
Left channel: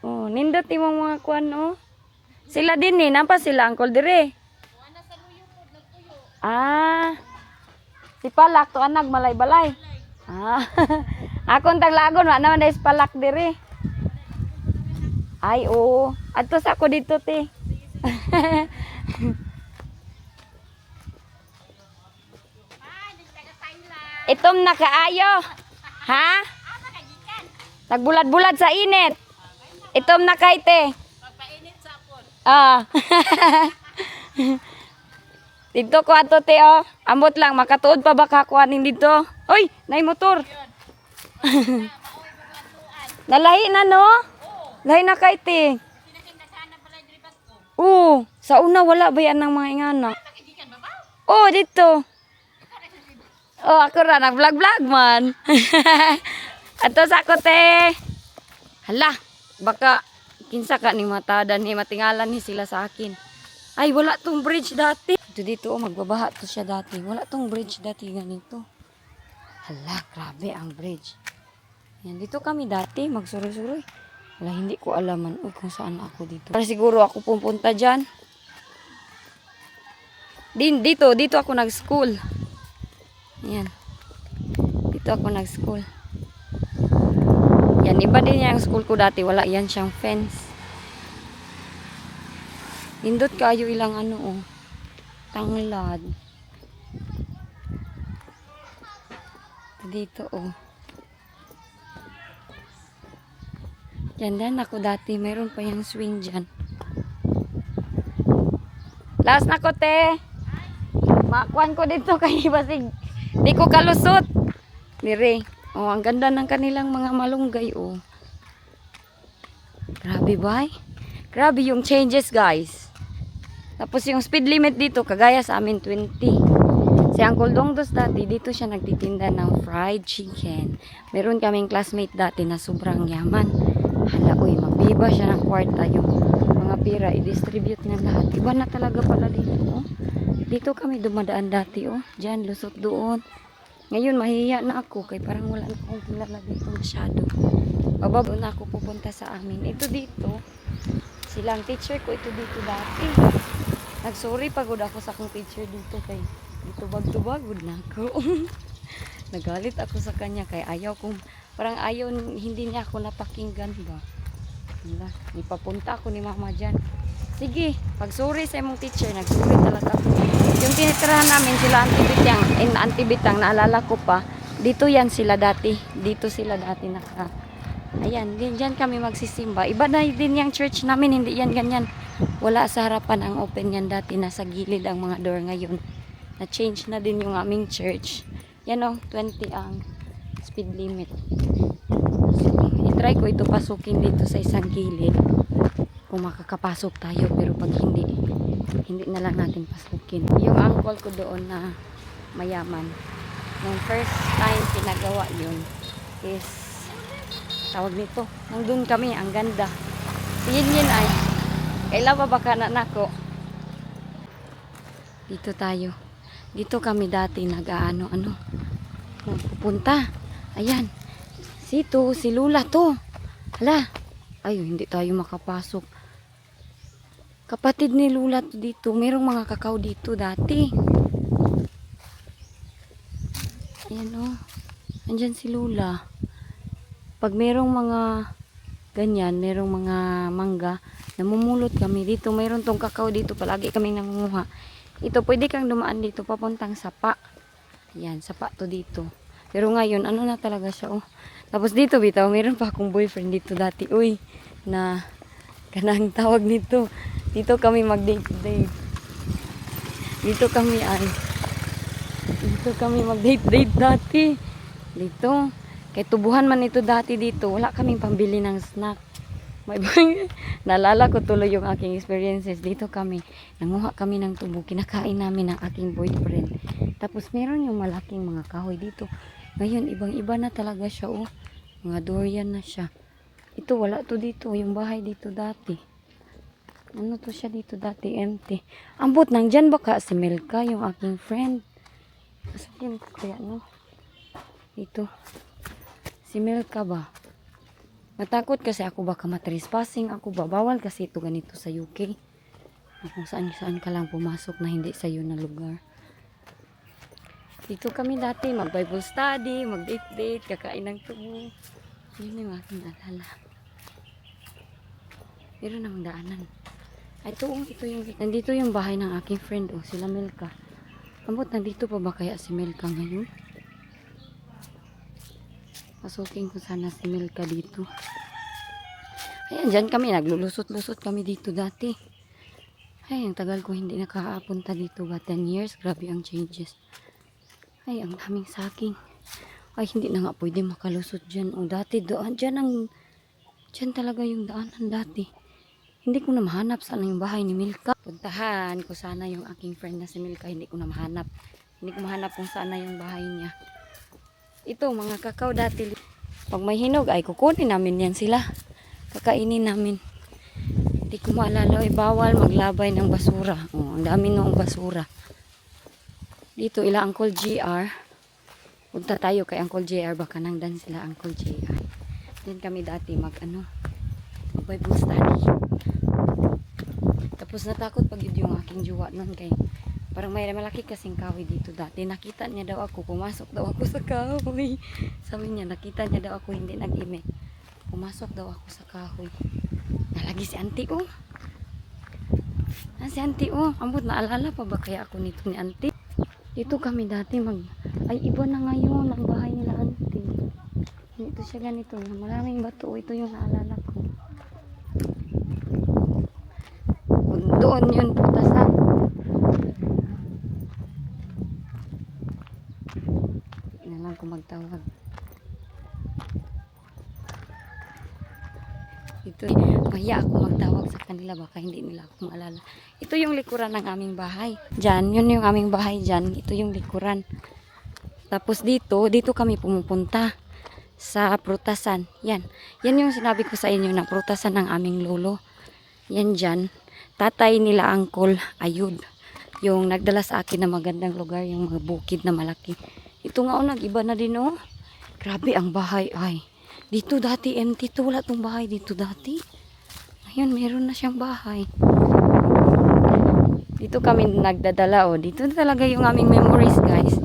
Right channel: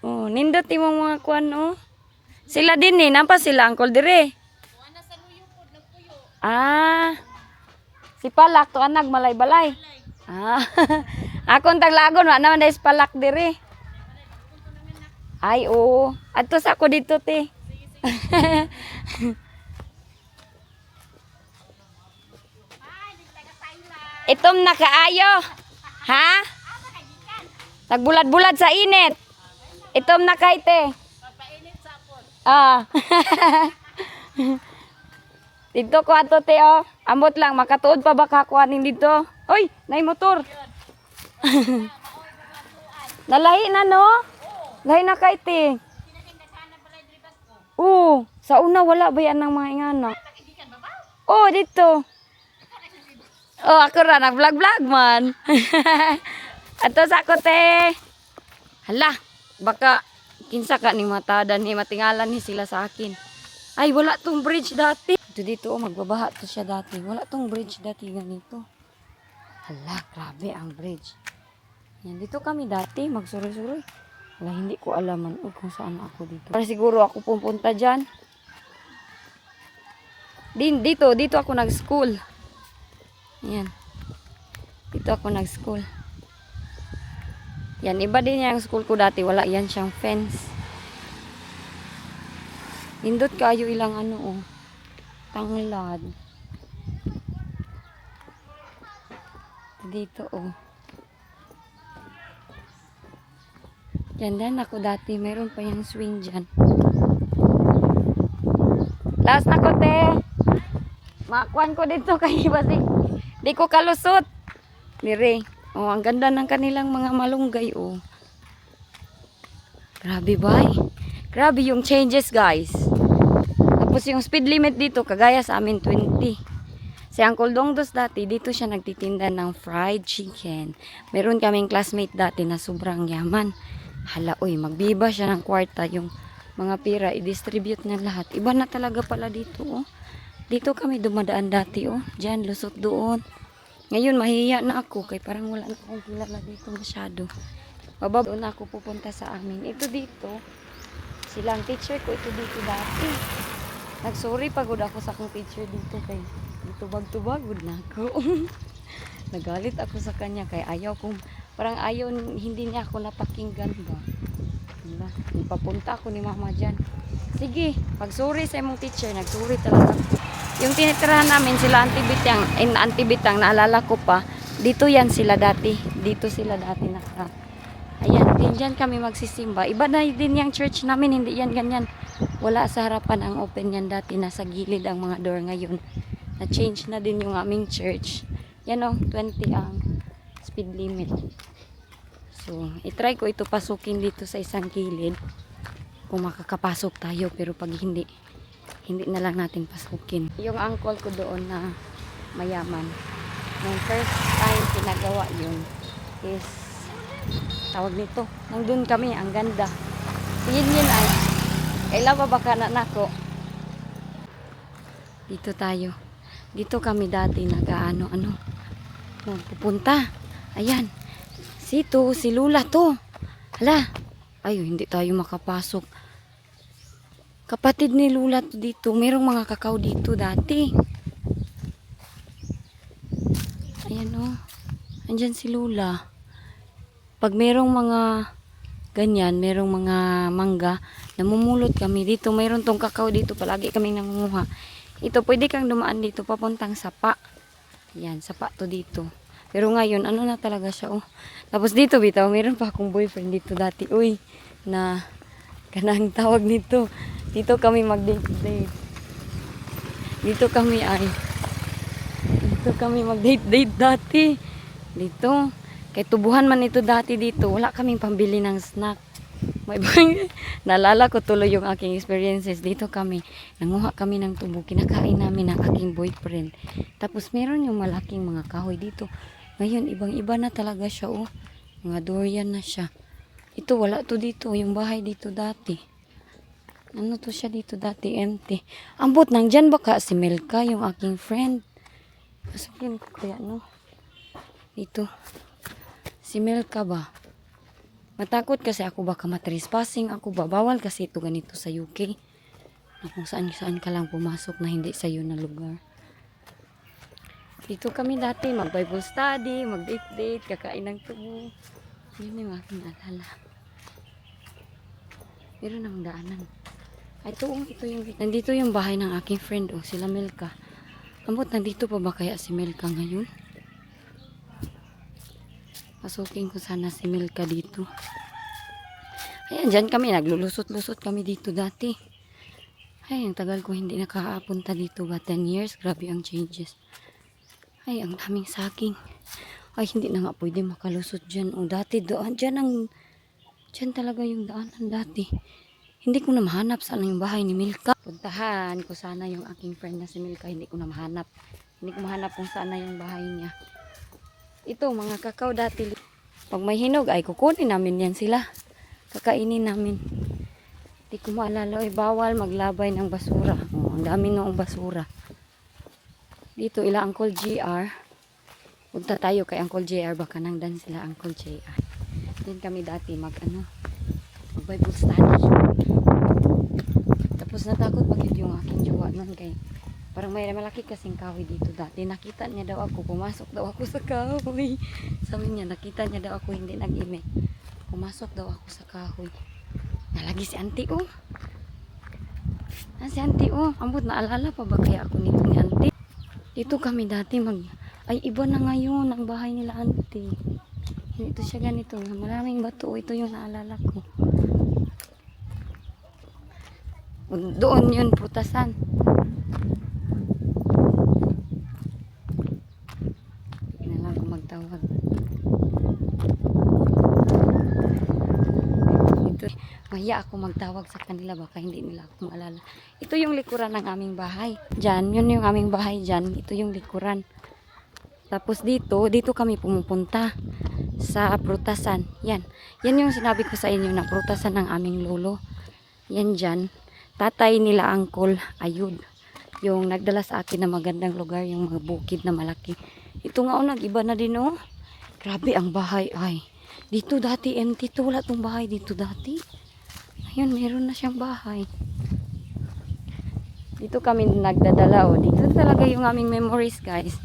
Oh, nindot imong mga kuan no. Sila din ni nampa sila angkol dire. Ah. Si Palak to anak malay-balay. Ah. Akong taglagon wa naman dai si Palak dire. Ay oo. Adto sa ako dito te. Itom na kaayo. Ha? Nagbulad-bulad sa init. Itom na kay te. Ah. Dito ko ato te oh. Ambot lang makatuod pa ba ka kuanin dito? Oy, nay motor. Nalahi na no? Lahi na kay te. Sinasing daghanan pala diri bag ko. Oo, sa una wala ba yan ng mga ingana? Idikan ba ba? Oh, dito. Oh, ako ra nag-vlog-vlog man. Ato sa ako te. Hala, baka kinsa ka ni matada ni matingalan ni sila sa akin. Ay, wala tong bridge dati. Dito oh, magbabaha to siya dati. Wala tong bridge dati ganito. Hala, grabe ang bridge. Yan, dito kami dati, magsuroy-suroy. Wala, hindi ko alaman kung saan ako dito. Para siguro ako pupunta dyan. Dito ako nag-school. Yan. Dito ako nag-school. Yan, iba din yung school ko dati. Wala yan siyang fence. Hindot kayo ilang ano oh. Tanglad. Dito oh. Yan ako dati. Mayroon pa yung swing dyan. Last na ko te. Makuan ko dito kay basig. Di ko kalusot. Dire. Oh, ang ganda ng kanilang mga malunggay oh. Grabe ba? Grabe yung changes guys. Tapos yung speed limit dito kagaya sa amin 20. Si Uncle Dongdos dati dito siya nagtitinda ng fried chicken. Meron kaming classmate dati na sobrang yaman. Hala oy, magbiba siya ng kwarta yung mga pira i-distribute niya lahat. Iba na talaga pala dito oh. Dito kami dumadaan dati oh. Diyan lusot doon. Ngayon mahihiya na ako kay parang wala na akong kilala dito masyado. Bababa na ako pupunta sa amin. Ito dito. Silang teacher ko ito dito dati. Nagsorry pagod ako sa akong teacher dito kay dito bagod na ako. Nagalit ako sa kanya kay ayaw kong parang ayaw hindi niya ako napakinggan ba. Wala, ipapunta ako ni mama dyan. Sige, pag sorry sa imong teacher, nagsorry talaga ako. Yung tinitirahan namin sila Antibitang, naalala ko pa. Dito yan sila dati. Dito sila dati naka. Ayan, diyan kami magsisimba. Iba na din yung church namin, hindi yan ganyan. Wala sa harapan ang open yan dati. Nasa gilid ang mga door ngayon. Na-change na din yung aming church. Yan o, 20 ang speed limit. So, itry ko ito pasukin dito sa isang gilid. Kung makakapasok tayo, pero pag hindi na lang natin pasukin. Yung uncle ko doon na mayaman, nung first time pinagawa yun is tawag nito, nandun kami, ang ganda. Yun ay kailan pa baka na nako. Dito tayo, dito kami dati nag-ano pupunta. Ayan, si Lula to. Hala, ay hindi tayo makapasok. Kapatid ni Lula to dito. Merong mga kakao dito dati. Ayan o. Andyan si Lula. Pag merong mga ganyan, merong mga mangga, namumulot kami dito. Meron tong kakao dito. Palagi kami nangunguha. Ito, pwede kang dumaan dito papuntang Sapa. Ayan, Sapa to dito. Pero ngayon, ano na talaga siya oh. Tapos dito bitaw, meron pa akong boyfriend dito dati. Uy, na kanang tawag nito. Dito kami mag-date-date. Dito kami mag-date-date dati. Dito. Kay tubuhan man ito dati dito. Wala kaming pambili ng snack. Naalala ko tuloy yung aking experiences. Dito kami. Nanguha kami ng tubo. Kinakain namin ng aking boyfriend. Tapos meron yung malaking mga kahoy dito. Ngayon, ibang-iba na talaga siya oh. Mga durian na siya. Ito, wala to dito. Yung bahay dito dati. Ano to siya dito dati? Empty. Ambot, nandyan baka si Melka, yung aking friend. Masukin ko kaya, no? Dito. Si Melka ba? Matakot kasi ako baka matrespassing ako ba? Bawal kasi ito ganito sa UK. Kung saan ka lang pumasok na hindi sa'yo na lugar. Dito kami dati, mag-Bible study, mag-date-date, kakain ng tubo. Yun yung aking alala. Meron ng daanan. Nandito yung bahay ng aking friend, oh, sila Melka. Ambot, nandito pa ba kaya si Melka ngayon? Pasukin ko sana si Melka dito. Ayan, dyan kami, naglulusot-lusot kami dito dati. Ay, ang tagal ko hindi nakakapunta dito ba? 10 years, grabe ang changes. Ay, ang daming saging. Ay, hindi na nga pwede makalusot dyan. O, dati doon, dyan Diyan talaga yung daanan dati. Hindi ko na mahanap saan yung bahay ni Milka. Puntahan ko sana yung aking friend na si Milka. Hindi ko na mahanap. Hindi ko mahanap kung saan na yung bahay niya. Ito, mga kakao dati. Pag may hinog, ay kukunin namin yan sila. Kakainin namin. Hindi ko maalala, ay bawal maglabay ng basura. Oh, ang dami noong basura. Dito, ila Uncle JR. Punta tayo kay Uncle JR. Baka nangdan sila Uncle JR. Din kami dati mag-Bible study. Tapos natakot pag yung aking jowa nun kay parang may malaki kasing kahoy dito dati. Nakita niya daw ako, pumasok daw ako sa kahoy. Sabi niya, nakita niya daw ako, hindi nag-imik. Pumasok daw ako sa kahoy. Nalagi si auntie, oh. Si auntie, oh. Ambot, naalala pa ba kaya ako nito ni auntie? Dito kami dati ay iba na ngayon ang bahay nila auntie. Ito siya ganito. Maraming bato. Ito yung naalala ko. Doon yun, putasan. Hindi na lang kung magtawag. Ito, mahiya ako magtawag sa kanila. Baka hindi nila ako maalala. Ito yung likuran ng aming bahay. Diyan, yun yung aming bahay dyan. Ito yung likuran. Tapos dito kami pumupunta sa prutasan. Yan yung sinabi ko sa inyo na prutasan ng aming lolo. Yan dyan. Tatay nila Uncle Ayud. Yung nagdala sa akin na magandang lugar. Yung mga bukid na malaki. Ito nga nag-iba na din oh. Grabe ang bahay ay. Dito dati empty to. Wala tong bahay dito dati. Ngayon meron na siyang bahay. Dito kami nagdadala oh. Dito talaga yung aming memories guys.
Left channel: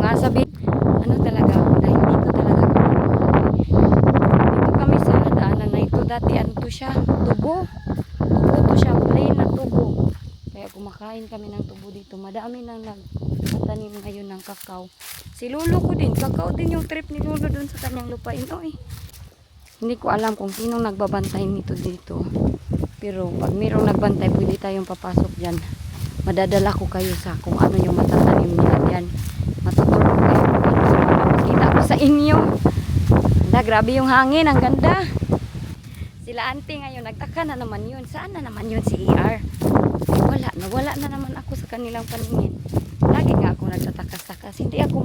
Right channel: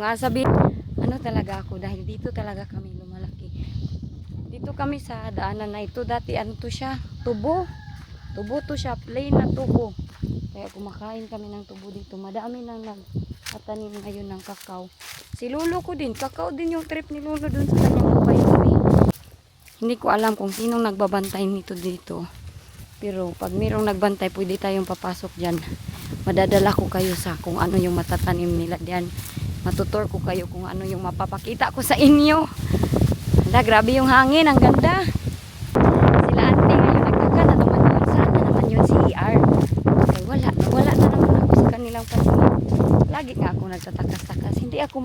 Nga sabi, ano talaga ako dahil dito talaga kami malaki. Dito kami sa daanan na ito. Dati ano to siya? Tubo. Tubo to siya. Plain na tubo. Kaya kumakain kami ng tubo dito. Madami nang nagtatanim ngayon ng kakao. Si lolo ko din. Kakao din yung trip ni lolo dun sa kanyang lupa ito eh. Hindi ko alam kung sinong nagbabantay nito dito. Pero pag mayroong nagbantay, pwede tayong papasok dyan. Madadala ko kayo sa kung ano yung matatanim nila dyan. Matuturo ko kayo kung ano yung mapapakita ko sa inyo. Hala, grabe yung hangin. Ang ganda. Sila auntie ngayon. Nagtaka na naman yun. Saan na naman yun si ER? Wala na naman ako sa kanilang paningin. Lagi nga ako nagtatakas-takas. Hindi ako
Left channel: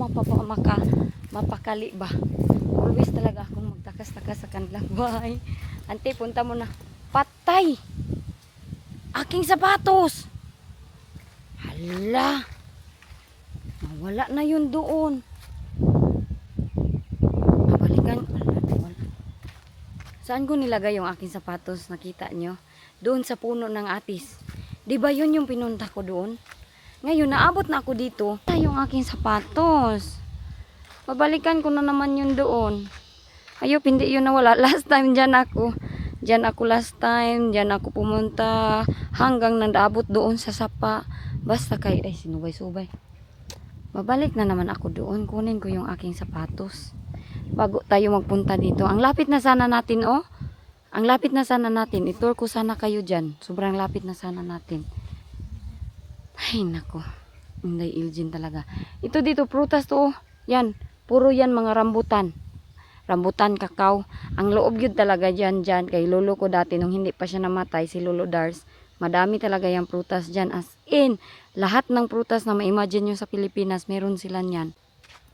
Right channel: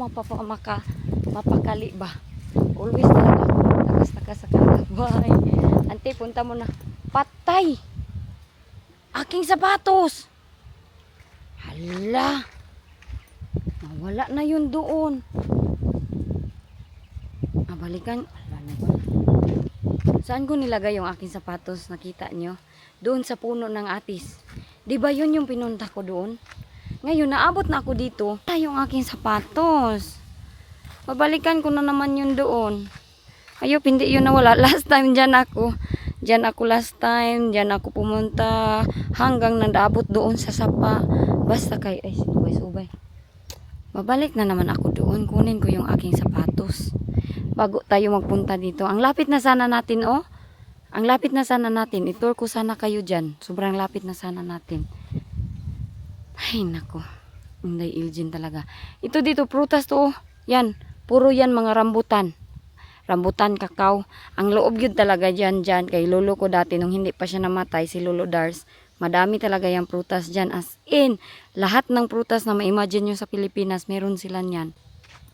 mapakali ba? Always talaga ako nagtakas-takas sa kanilang bahay. Auntie, punta mo na. Patay! Aking sapatos! Hala! Wala na yun doon. Mabalikan. Saan ko nilagay yung aking sapatos? Nakita nyo? Doon sa puno ng atis. Diba yun yung pinunta ko doon? Ngayon, naabot na ako dito. Yung aking sapatos. Mabalikan ko na naman yun doon. Ayop, hindi yun nawala. Last time dyan ako. Dyan ako last time. Dyan ako pumunta. Hanggang nandabot doon sa sapa. Basta kay, ay sinubay-subay. Babalik na naman ako doon. Kunin ko yung aking sapatos. Bago tayo magpunta dito. Ang lapit na sana natin, oh. Ang lapit na sana natin. I-tour ko sana kayo dyan. Sobrang lapit na sana natin. Ay, nako. Hindi, Ilgin talaga. Ito dito, prutas to, oh. Yan. Puro yan mga rambutan. Rambutan, kakao. Ang loob yun talaga dyan. Kay lolo ko dati, nung hindi pa siya namatay, si Lolo Dars. Madami talaga yung prutas dyan. As in, lahat ng prutas na ma-imagine nyo sa Pilipinas, meron sila nyan.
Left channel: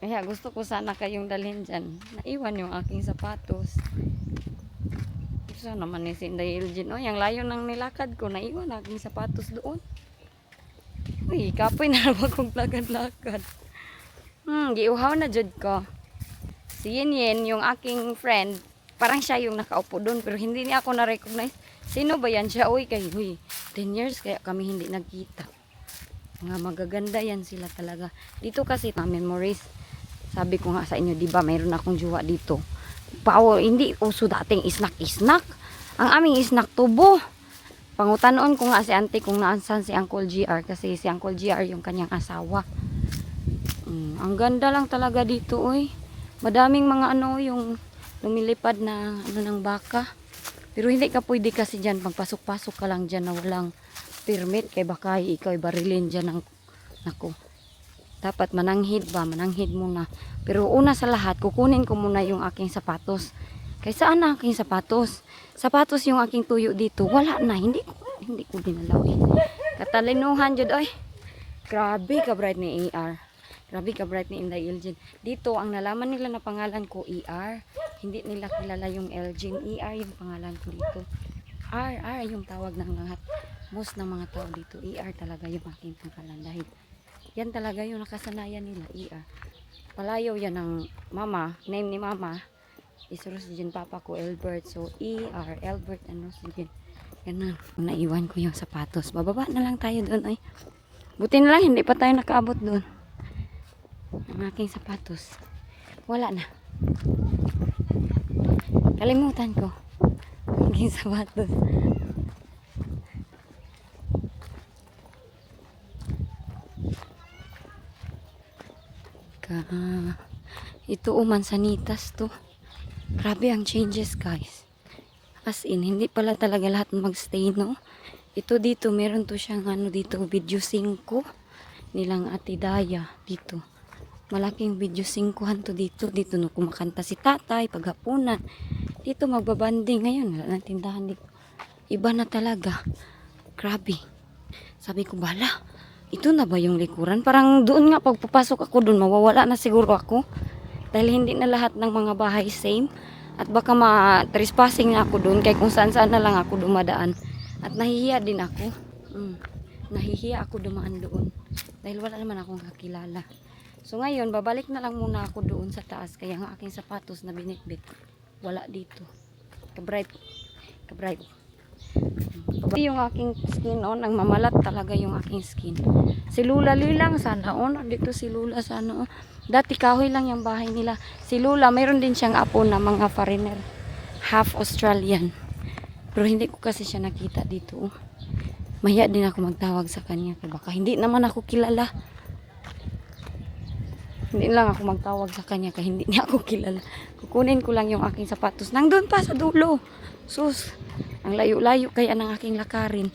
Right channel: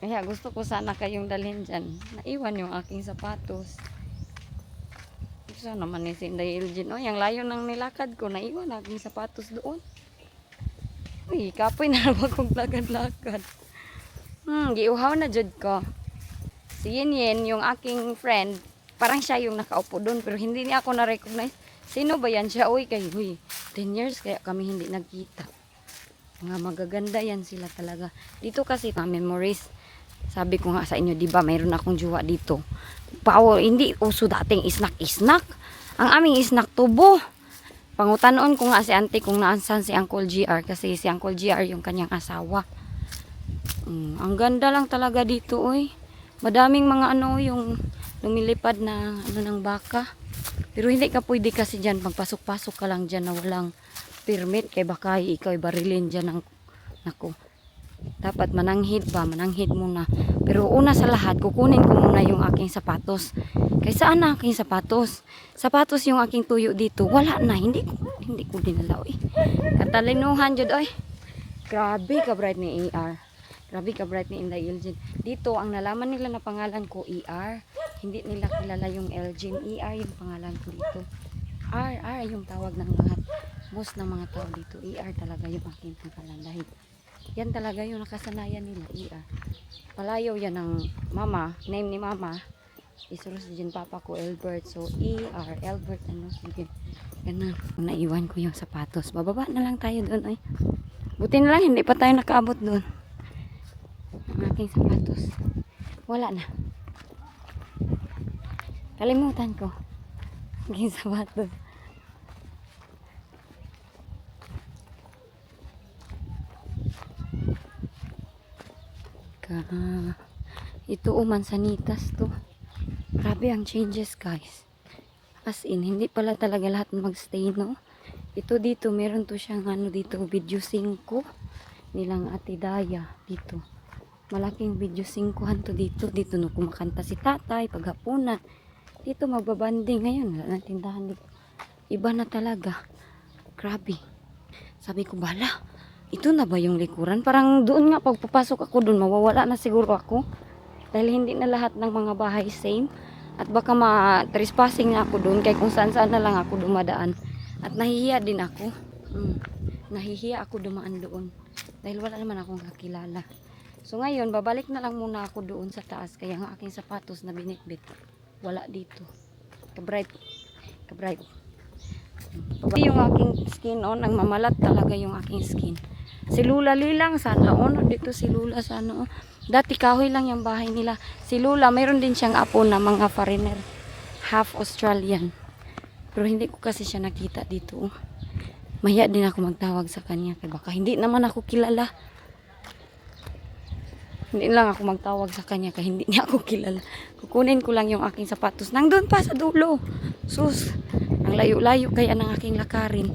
Kaya gusto ko sana kayong dalhin dyan. Naiwan yung aking sapatos. Gusto naman ni Sinday Ilgin. Oh, yung layo ng nilakad ko, naiwan aking sapatos doon. Uy, kapoy na naman kong lakad-lakad. Giuhaw na jud ko. Si Yen, yung aking friend, parang siya yung nakaupo doon, pero hindi niya ako na-recognize. Sino ba yan siya? Uy, 10 years kaya kami hindi nagkita. Mga magaganda yan sila talaga. Dito kasi na memories. Sabi ko nga sa inyo, di ba mayroon akong jowa dito. Power, hindi uso dating isnak-isnak. Ang aming isnak tubo. Pangutanoon ko nga si auntie kung naasan si Uncle GR kasi si Uncle GR yung kanyang asawa. Ang ganda lang talaga dito, oy. Madaming mga ano yung lumilipad na ano ng baka. Pero hindi ka pwede kasi dyan, pagpasok-pasok ka lang dyan na walang permit kay baka ikaw barilin dyan ng, nako, Dapat mananghid muna. Pero una sa lahat, kukunin ko muna yung aking sapatos. Kaya saan na aking sapatos? Sapatos yung aking tuyo dito. Wala na, hindi ko dinalaw eh. Katalinuhan jud ay. Grabe ka bright ni ER. Grabe ka bright ni Inday Elgin. Dito ang nalaman nila na pangalan ko ER. Hindi nila kilala yung Elgin. ER yung pangalan ko dito. R yung tawag ng lahat. Most ng mga tao dito. ER talaga yung aking pangalan dahil yan talaga yung nakasanayan nila, ER. Palayaw yan ng mama, name ni mama. Isuros din papa ko, Albert. So, ER, Albert, ano, sige. Ganun. Naiwan ko yung sapatos. Bababa na lang tayo doon, ay. Buti na lang, hindi pa tayo nakaabot doon. Ang aking sapatos. Wala na. Kalimutan ko. Ang aking sapatos. Ito mansanitas to. Grabe ang changes guys. As in, hindi pala talaga lahat magstay, no? Ito dito, meron to siyang ano dito, video 5 nilang Ate Daya dito. Malaking video 5 to dito. Dito no kumakanta si tatay paghapunan. Dito magbabanding ngayon. Wala na tindahan dito. Iba na talaga. Grabe. Sabi ko, bala. Ito na ba yung likuran? Parang doon nga pagpapasok ako doon, mawawala na siguro ako. Dahil hindi na lahat ng mga bahay same. At baka ma-trespassing na ako doon. Kaya kung saan-saan na lang ako dumadaan. At nahihiya din ako. Nahihiya ako dumaan doon. Dahil wala naman akong kakilala. So ngayon, babalik na lang muna ako doon sa taas. Kaya ang aking sapatos na binitbit, wala dito. Kabright. Yung aking skin on, ang mamalat talaga yung aking skin. Si Lula Lilang sana on, dito si Lula sana on. Dati kahoy lang yung bahay nila. Si Lula, mayroon din siyang apo na mga foreigner, half Australian. Pero hindi ko kasi siya nakita dito. Mahiya din ako magtawag sa kanya. Kaya baka hindi naman ako kilala. Hindi lang ako magtawag sa kanya kaya hindi niya ako kilala. Kukunin ko lang yung aking sapatos. Nandun pa sa dulo. Sus, ang layo-layo kaya ng aking lakarin.